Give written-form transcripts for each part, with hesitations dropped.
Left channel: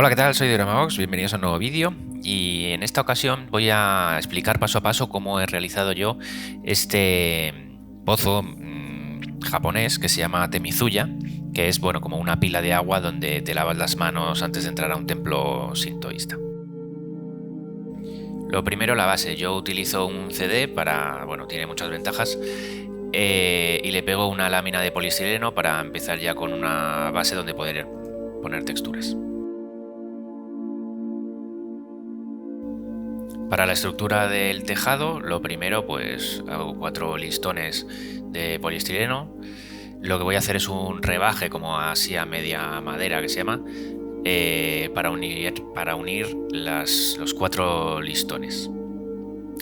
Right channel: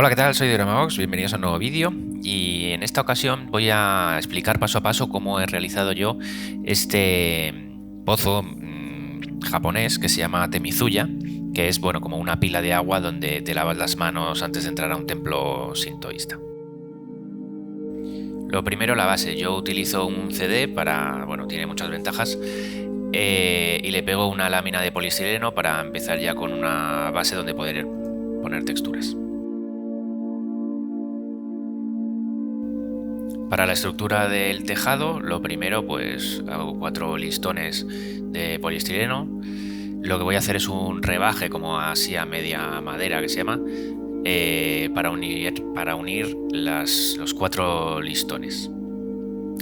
Hola, ¿qué tal? Soy Dyramabox, bienvenidos a un nuevo vídeo y en esta ocasión voy a explicar paso a paso cómo he realizado yo este pozo japonés que se llama Temizuya, que es bueno como una pila de agua donde te lavas las manos antes de entrar a un templo sintoísta. Lo primero, la base. Yo utilizo un CD para, bueno, tiene muchas ventajas, y le pego una lámina de poliestireno para empezar ya con una base donde poder poner texturas. Para la estructura del tejado, lo primero, pues hago 4 listones de poliestireno. Lo que voy a hacer es un rebaje, como así a media madera que se llama, para unir los 4 listones.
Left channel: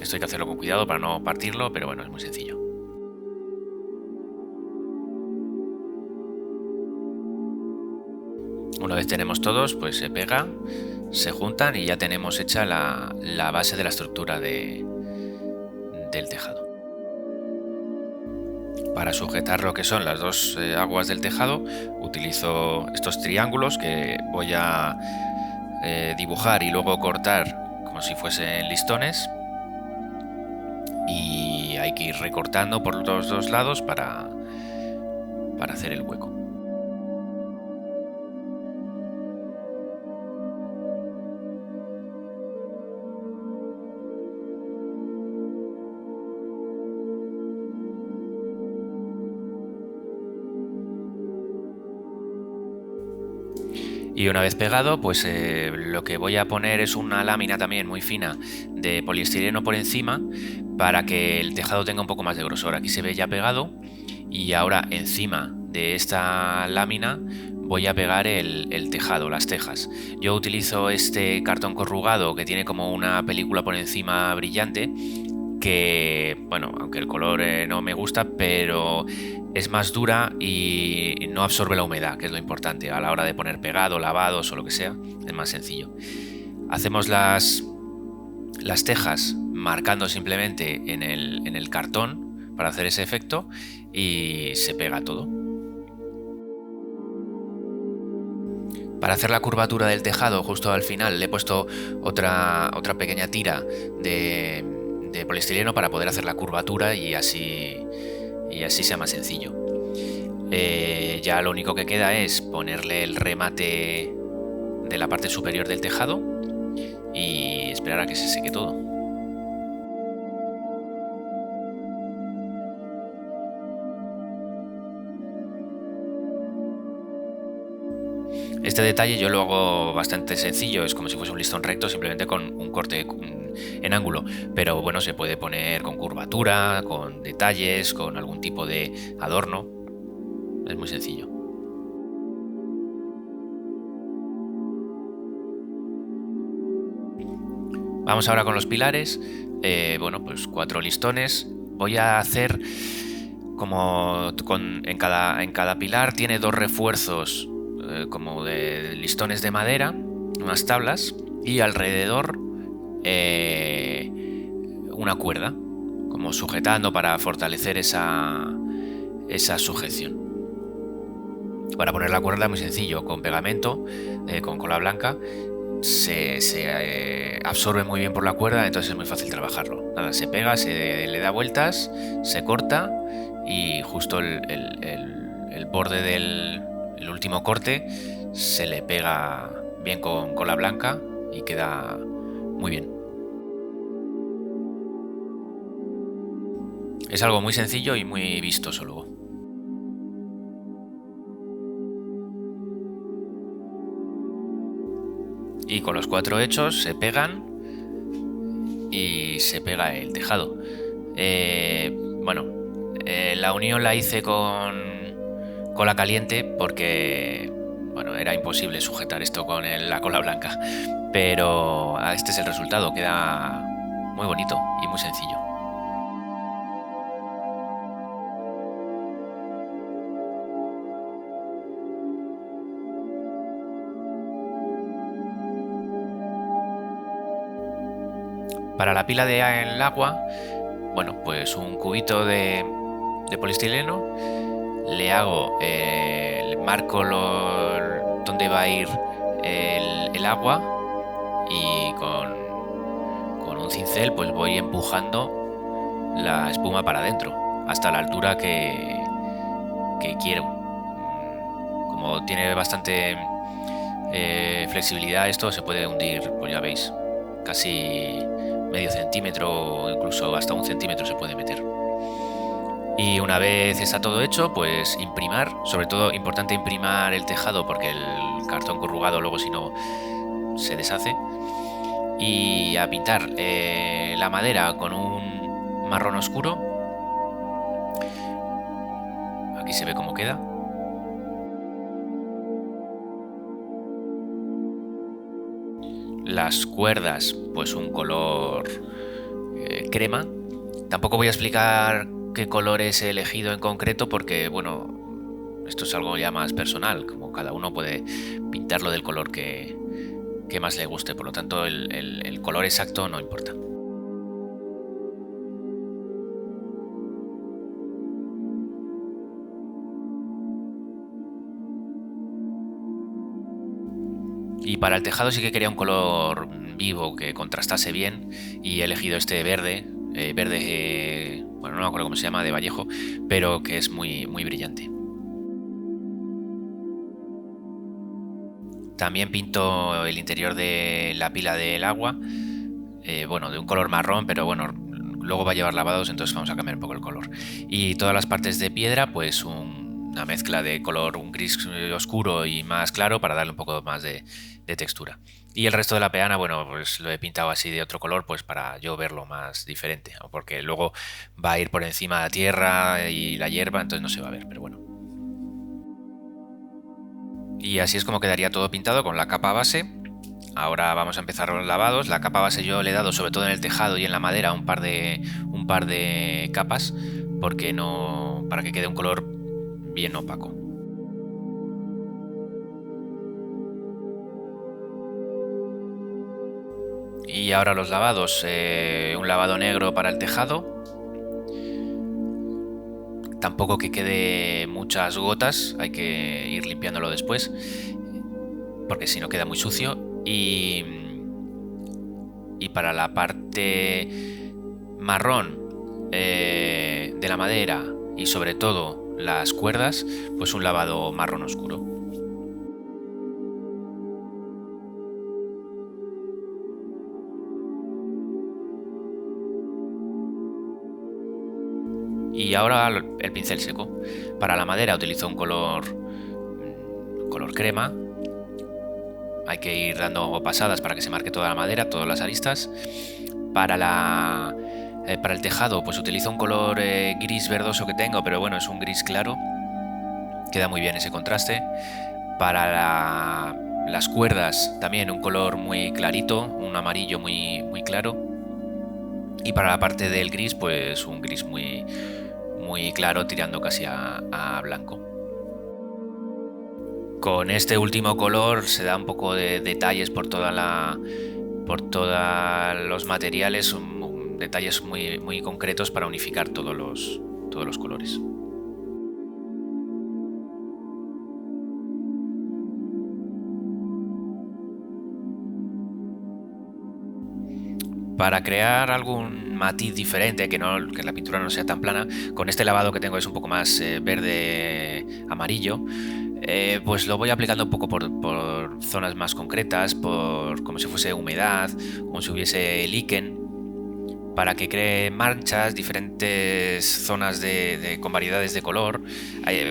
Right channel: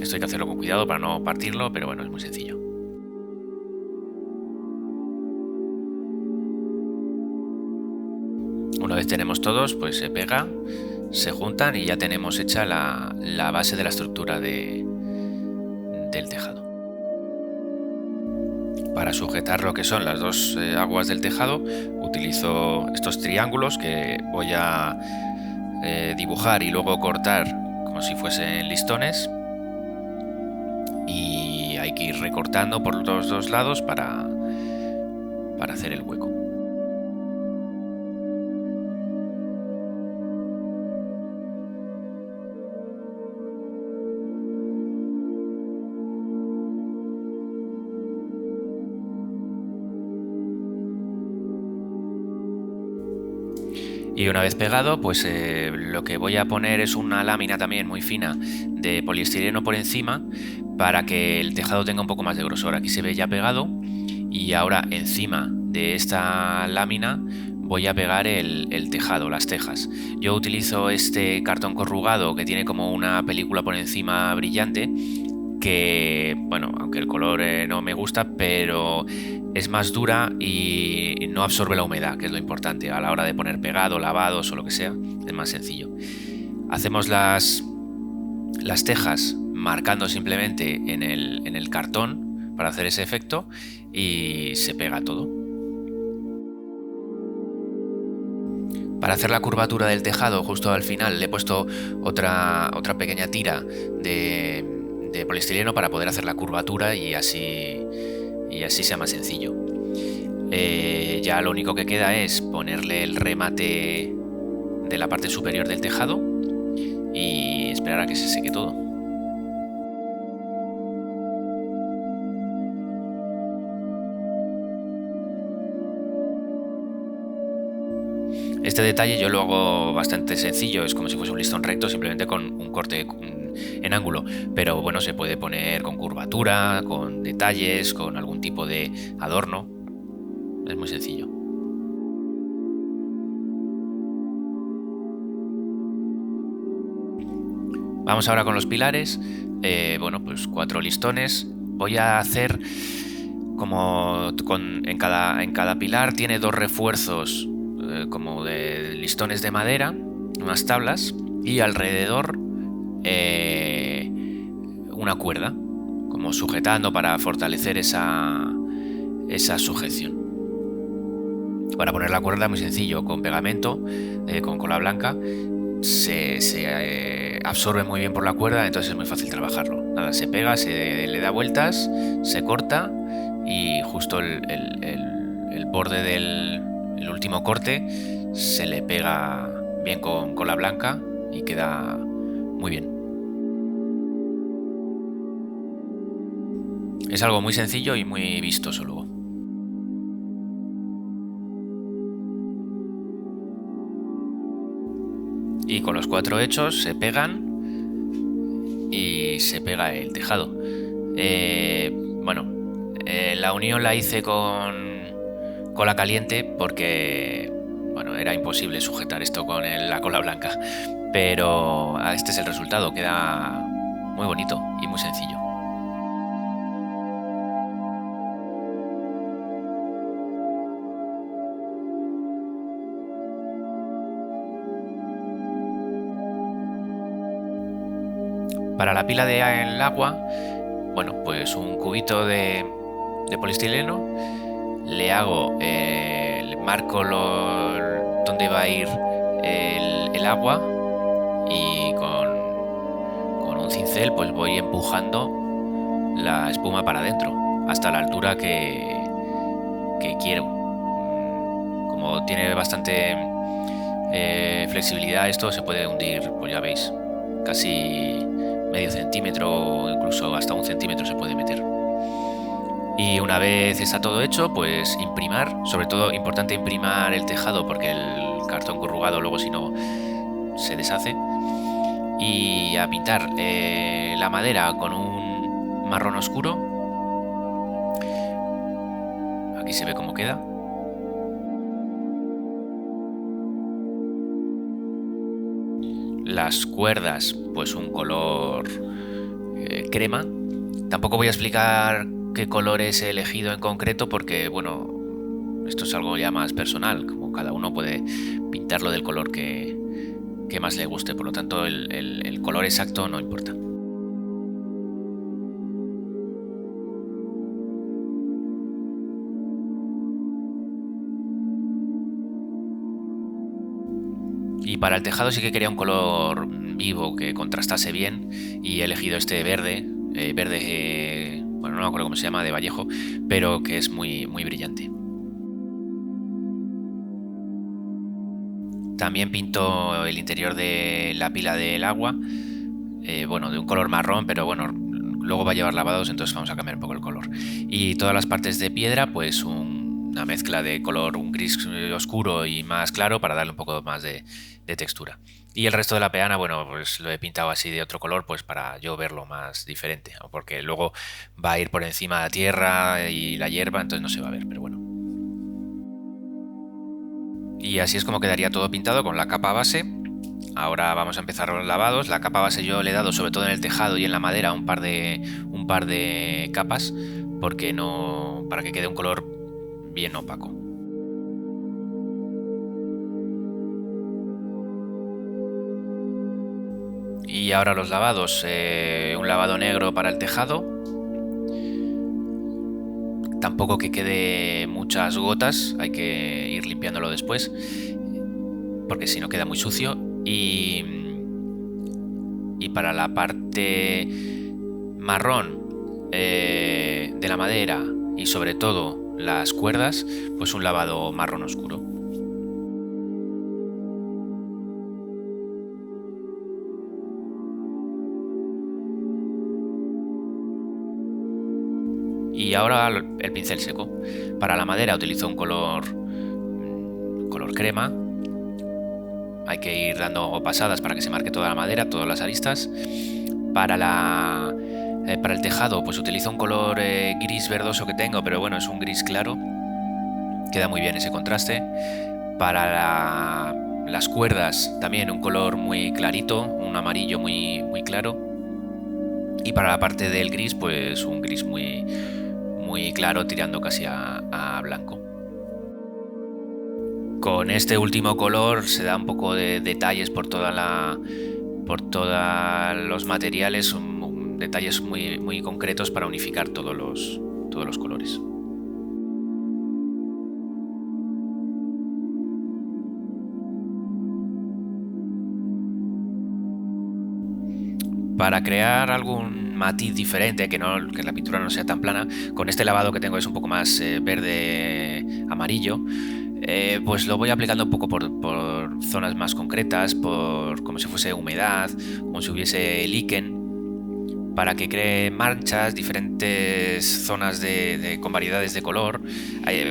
Esto hay que hacerlo con cuidado para no partirlo, pero bueno, es muy sencillo. Una vez tenemos todos, pues se pega, se juntan y ya tenemos hecha la base de la estructura del tejado. Para sujetar lo que son las dos aguas del tejado, utilizo estos triángulos que voy a dibujar y luego cortar como si fuesen listones, y hay que ir recortando por los dos lados para hacer el hueco. Y una vez pegado, pues lo que voy a poner es una lámina también muy fina de poliestireno por encima para que el tejado tenga un poco más de grosor. Aquí se ve ya pegado y ahora encima de esta lámina voy a pegar el tejado, las tejas. Yo utilizo este cartón corrugado que tiene como una película por encima brillante que, bueno, aunque el color no me gusta, pero es más dura y no absorbe la humedad, que es lo importante a la hora de poner pegado, lavados o lo que sea, es más sencillo. Hacemos las tejas marcando simplemente en el cartón para hacer ese efecto y se pega todo. Para hacer la curvatura del tejado, justo al final le he puesto otra pequeña tira de poliestireno para poder hacer la curvatura y así sea más sencillo. Ya lo único que queda es ponerle el remate de la parte superior del tejado y esperar a que se seque todo. Este detalle yo lo hago bastante sencillo, es como si fuese un listón recto, simplemente con un corte en ángulo, pero bueno, se puede poner con curvatura, con detalles, con algún tipo de adorno, es muy sencillo. Vamos ahora con los pilares. Bueno, pues 4 listones. Voy a hacer como en cada pilar tiene 2 refuerzos como de listones de madera, unas tablas, y alrededor una cuerda, como sujetando para fortalecer esa sujeción. Para poner la cuerda muy sencillo, con pegamento, con cola blanca, se absorbe muy bien por la cuerda, entonces es muy fácil trabajarlo. Nada, se pega, se le da vueltas, se corta y justo el borde del último corte se le pega bien con cola blanca y queda muy bien. Es algo muy sencillo y muy vistoso luego. Y con los 4 hechos se pegan y se pega el tejado. Bueno, la unión la hice con cola caliente porque, bueno, era imposible sujetar esto con la cola blanca, pero este es el resultado, queda muy bonito y muy sencillo. Para la pila del agua, bueno, pues un cubito de poliestireno, le marco donde va a ir el agua y con un cincel pues voy empujando la espuma para adentro hasta la altura que quiero. Como tiene bastante flexibilidad, esto se puede hundir, pues ya veis, casi medio centímetro o incluso hasta 1 centímetro se puede meter. Y una vez está todo hecho, pues imprimar, sobre todo importante imprimar el tejado porque el cartón corrugado luego si no se deshace, y a pintar la madera con un marrón oscuro. Aquí se ve cómo queda. Las cuerdas, pues un color crema. Tampoco voy a explicar qué colores he elegido en concreto porque, bueno, esto es algo ya más personal, como cada uno puede pintarlo del color que más le guste, por lo tanto el color exacto no importa. Y para el tejado sí que quería un color vivo que contrastase bien y he elegido este verde, bueno, no me acuerdo cómo se llama, de Vallejo, pero que es muy, muy brillante. También pinto el interior de la pila del agua, bueno, de un color marrón, pero bueno, luego va a llevar lavados, entonces vamos a cambiar un poco el color. Y todas las partes de piedra, pues una mezcla de color, un gris oscuro y más claro para darle un poco más de textura. Y el resto de la peana, bueno, pues lo he pintado así de otro color, pues para yo verlo más diferente, porque luego va a ir por encima de la tierra y la hierba, entonces no se va a ver, pero bueno. Y así es como quedaría todo pintado con la capa base. Ahora vamos a empezar los lavados. La capa base yo le he dado, sobre todo en el tejado y en la madera, un par de capas, porque no, para que quede un color bien opaco. Y ahora los lavados, un lavado negro para el tejado, tampoco que quede muchas gotas, hay que ir limpiándolo después, porque si no queda muy sucio. Y para la parte marrón de la madera y sobre todo las cuerdas, pues un lavado marrón oscuro. Y ahora el pincel seco. Para la madera utilizo un color crema. Hay que ir dando pasadas para que se marque toda la madera, todas las aristas. Para el tejado pues utilizo un color gris verdoso que tengo, pero bueno, es un gris claro. Queda muy bien ese contraste. Para las cuerdas también un color muy clarito, un amarillo muy, muy claro. Y para la parte del gris pues un gris muy, muy claro tirando casi a blanco. Con este último color se da un poco de detalles por todos los materiales, detalles muy, muy concretos para unificar todos los colores. Para crear algún matiz diferente, que la pintura no sea tan plana, con este lavado que tengo es un poco más verde amarillo, pues lo voy aplicando un poco por zonas más concretas, como si fuese humedad, como si hubiese líquen, para que cree manchas, diferentes zonas con variedades de color.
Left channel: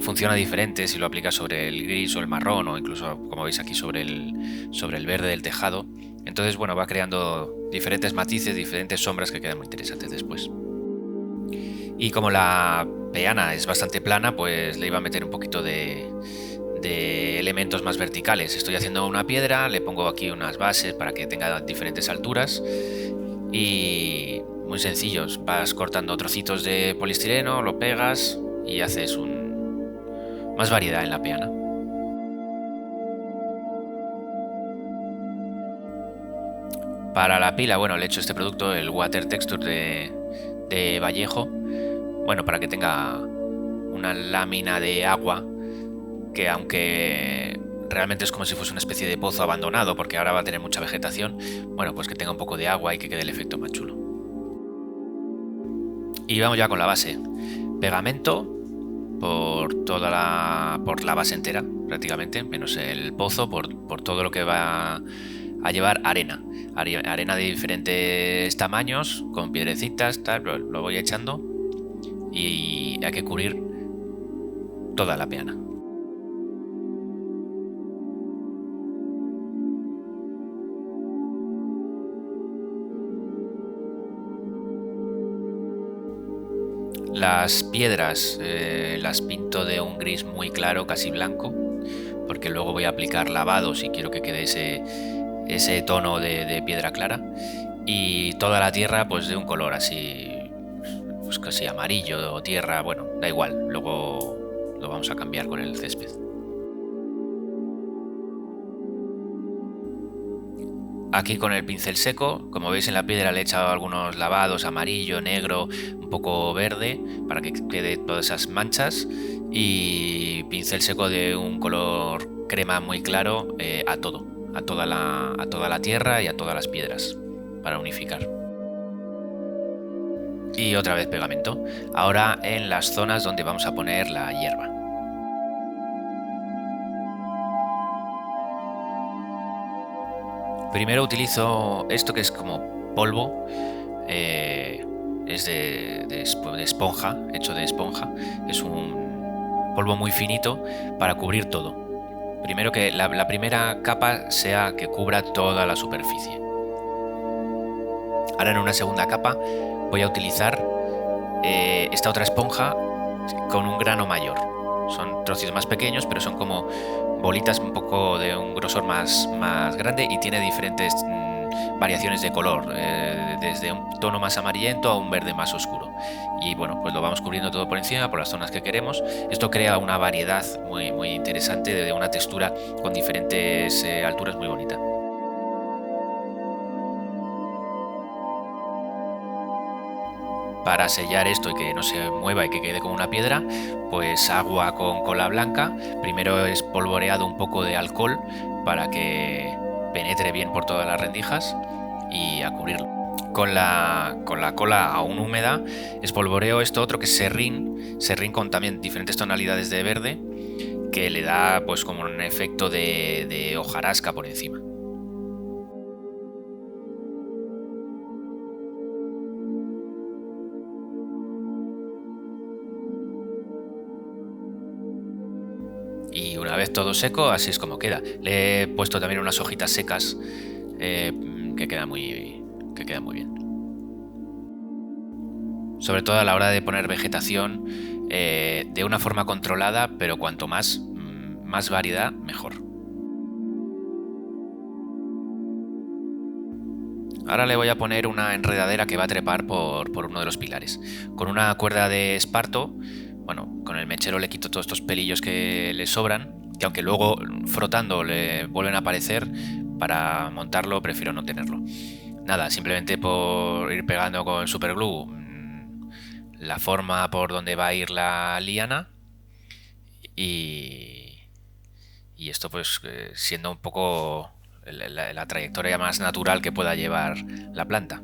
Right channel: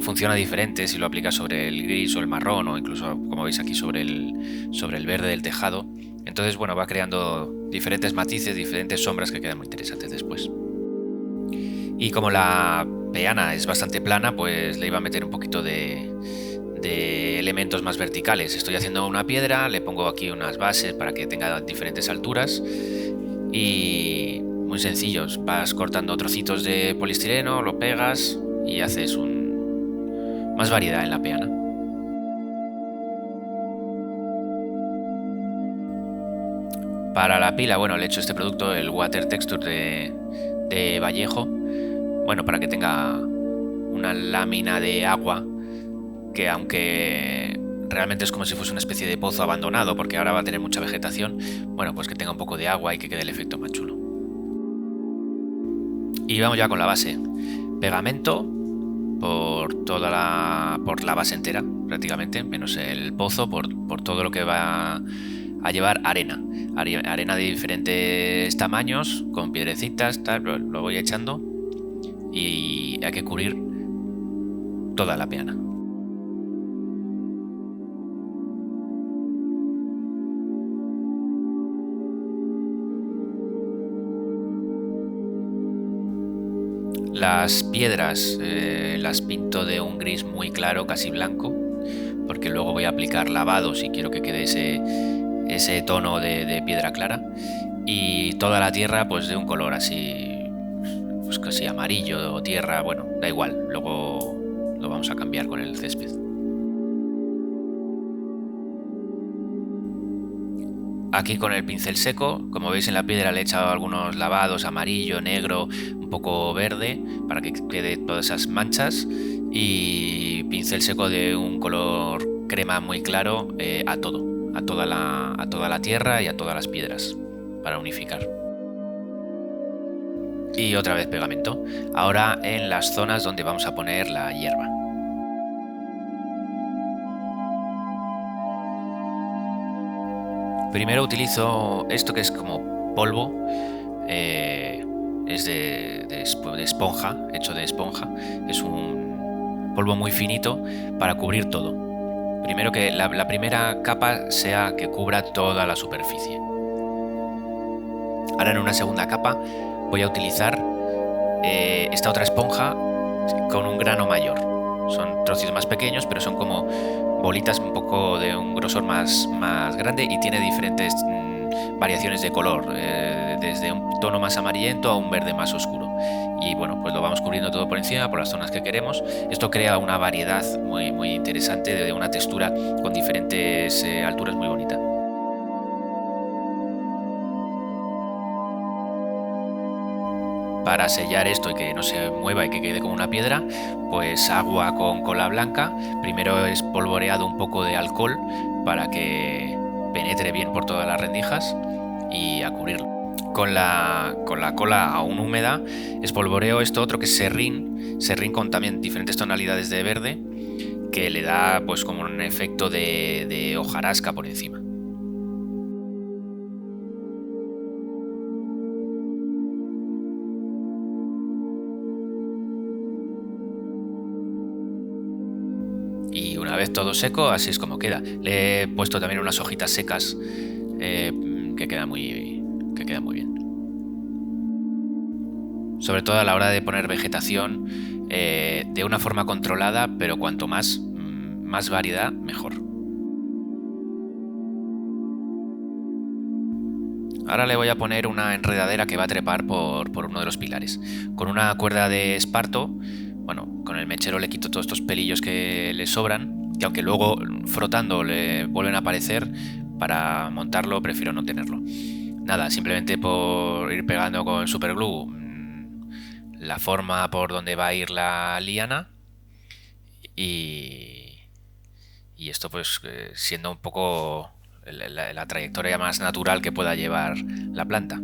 Funciona diferente si lo aplicas sobre el gris o el marrón, o incluso, como veis aquí, sobre el verde del tejado. Entonces, bueno, va creando diferentes matices, diferentes sombras que quedan muy interesantes después. Y como la peana es bastante plana, pues le iba a meter un poquito de elementos más verticales. Estoy haciendo una piedra, le pongo aquí unas bases para que tenga diferentes alturas y muy sencillos. Vas cortando trocitos de poliestireno, lo pegas y haces más variedad en la peana. Para la pila, bueno, le he hecho este producto, el Water Texture de Vallejo, bueno, para que tenga una lámina de agua que, aunque realmente es como si fuese una especie de pozo abandonado, porque ahora va a tener mucha vegetación. Bueno, pues que tenga un poco de agua y que quede el efecto más chulo. Y vamos ya con la base. Pegamento por la base entera, prácticamente, menos el pozo, por todo lo que va a llevar arena. Arena de diferentes tamaños, con piedrecitas, tal, lo voy echando y hay que cubrir toda la peana. Las piedras las pinto de un gris muy claro, casi blanco, porque luego voy a aplicar lavado si quiero que quede ese tono de piedra clara. Y toda la tierra pues de un color así, pues casi amarillo o tierra, bueno, da igual, luego lo vamos a cambiar con el césped. Aquí con el pincel seco, como veis en la piedra le he echado algunos lavados, amarillo, negro, un poco verde, para que quede todas esas manchas, y pincel seco de un color crema muy claro a toda la tierra y a todas las piedras, para unificar. Y otra vez pegamento, ahora en las zonas donde vamos a poner la hierba. Primero utilizo esto que es como polvo, es de esponja, hecho de esponja, es un polvo muy finito para cubrir todo. Primero que la primera capa sea que cubra toda la superficie. Ahora en una segunda capa voy a utilizar esta otra esponja con un grano mayor. Son trocitos más pequeños, pero son como bolitas un poco de un grosor más grande y tiene diferentes variaciones de color, desde un tono más amarillento a un verde más oscuro. Y bueno, pues lo vamos cubriendo todo por encima, por las zonas que queremos. Esto crea una variedad muy interesante, de una textura con diferentes alturas muy bonita. Para sellar esto y que no se mueva y que quede como una piedra, pues agua con cola blanca. Primero es polvoreado un poco de alcohol para que penetre bien por todas las rendijas y a cubrirlo. Con la cola aún húmeda espolvoreo esto otro que es serrín con también diferentes tonalidades de verde, que le da pues como un efecto de hojarasca por encima. Y una vez todo seco, así es como queda. Le he puesto también unas hojitas secas que quedan muy bien. Sobre todo a la hora de poner vegetación de una forma controlada, pero cuanto más variedad, mejor. Ahora le voy a poner una enredadera que va a trepar por uno de los pilares. Con una cuerda de esparto, bueno, con el mechero le quito todos estos pelillos que le sobran, que aunque luego frotando le vuelven a aparecer, para montarlo prefiero no tenerlo. Nada, simplemente por ir pegando con superglue la forma por donde va a ir la liana y esto pues siendo un poco la trayectoria más natural que pueda llevar la planta.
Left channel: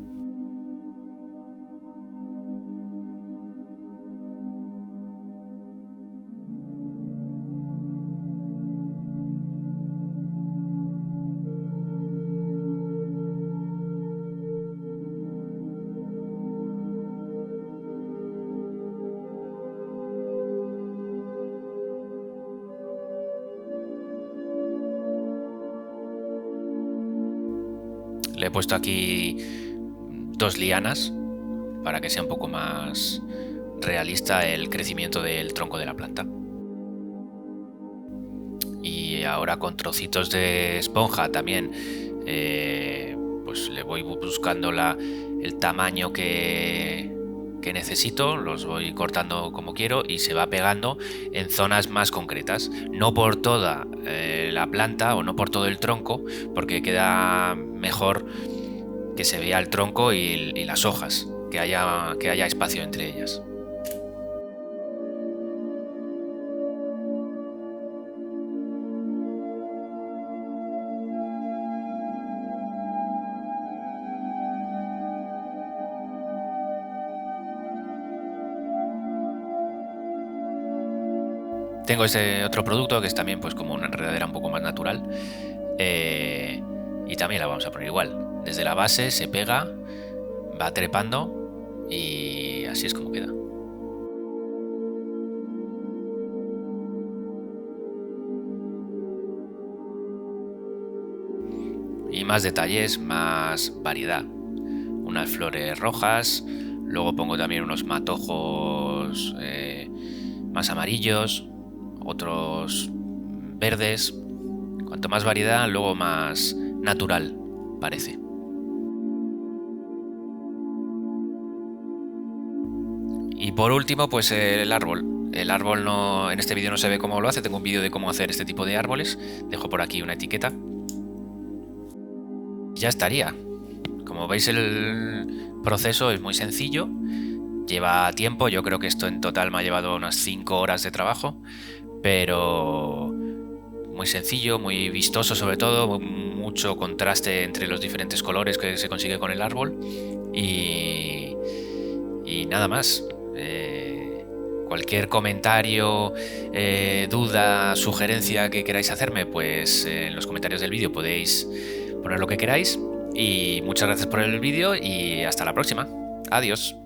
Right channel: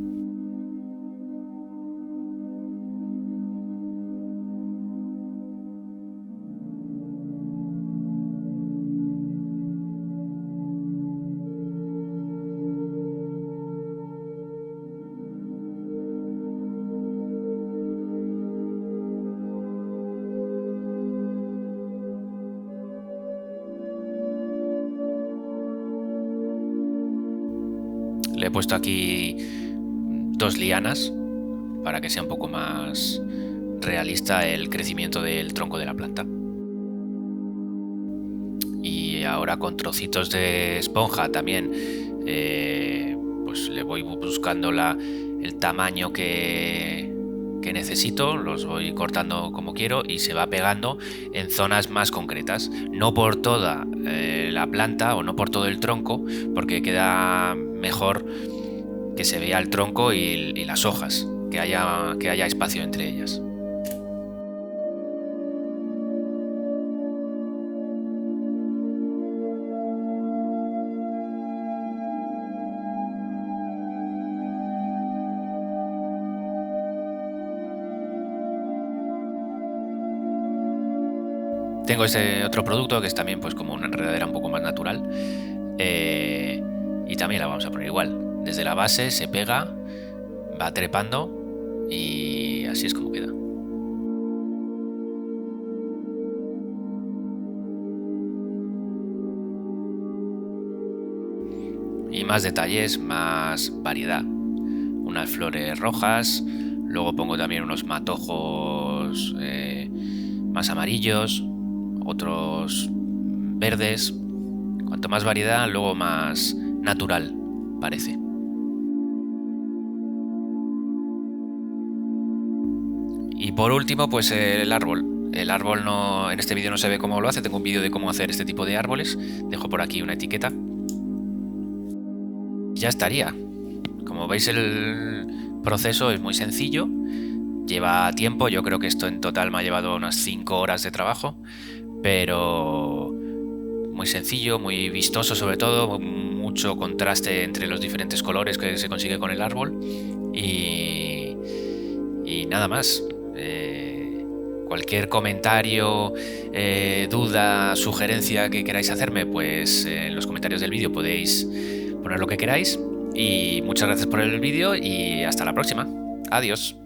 Le he puesto aquí 2 lianas para que sea un poco más realista el crecimiento del tronco de la planta. Y ahora con trocitos de esponja también pues le voy buscando el tamaño que necesito, los voy cortando como quiero y se va pegando en zonas más concretas, no por toda la planta o no por todo el tronco, porque queda mejor que se vea el tronco y las hojas, que haya espacio entre ellas. Tengo ese otro producto que es también pues como una enredadera un poco más natural, y también la vamos a poner igual. Desde la base se pega, va trepando y así es como queda. Y más detalles, más variedad. Unas flores rojas, luego pongo también unos matojos más amarillos, otros verdes. Cuanto más variedad, luego más natural parece. Y por último, pues el árbol. El árbol no, en este vídeo no se ve cómo lo hace, tengo un vídeo de cómo hacer este tipo de árboles. Dejo por aquí una etiqueta. Ya estaría. Como veis, el proceso es muy sencillo, lleva tiempo, yo creo que esto en total me ha llevado unas 5 horas de trabajo, pero muy sencillo, muy vistoso sobre todo, mucho contraste entre los diferentes colores que se consigue con el árbol y nada más. Cualquier comentario, duda, sugerencia que queráis hacerme, pues en los comentarios del vídeo podéis poner lo que queráis. Y muchas gracias por el vídeo y hasta la próxima. Adiós.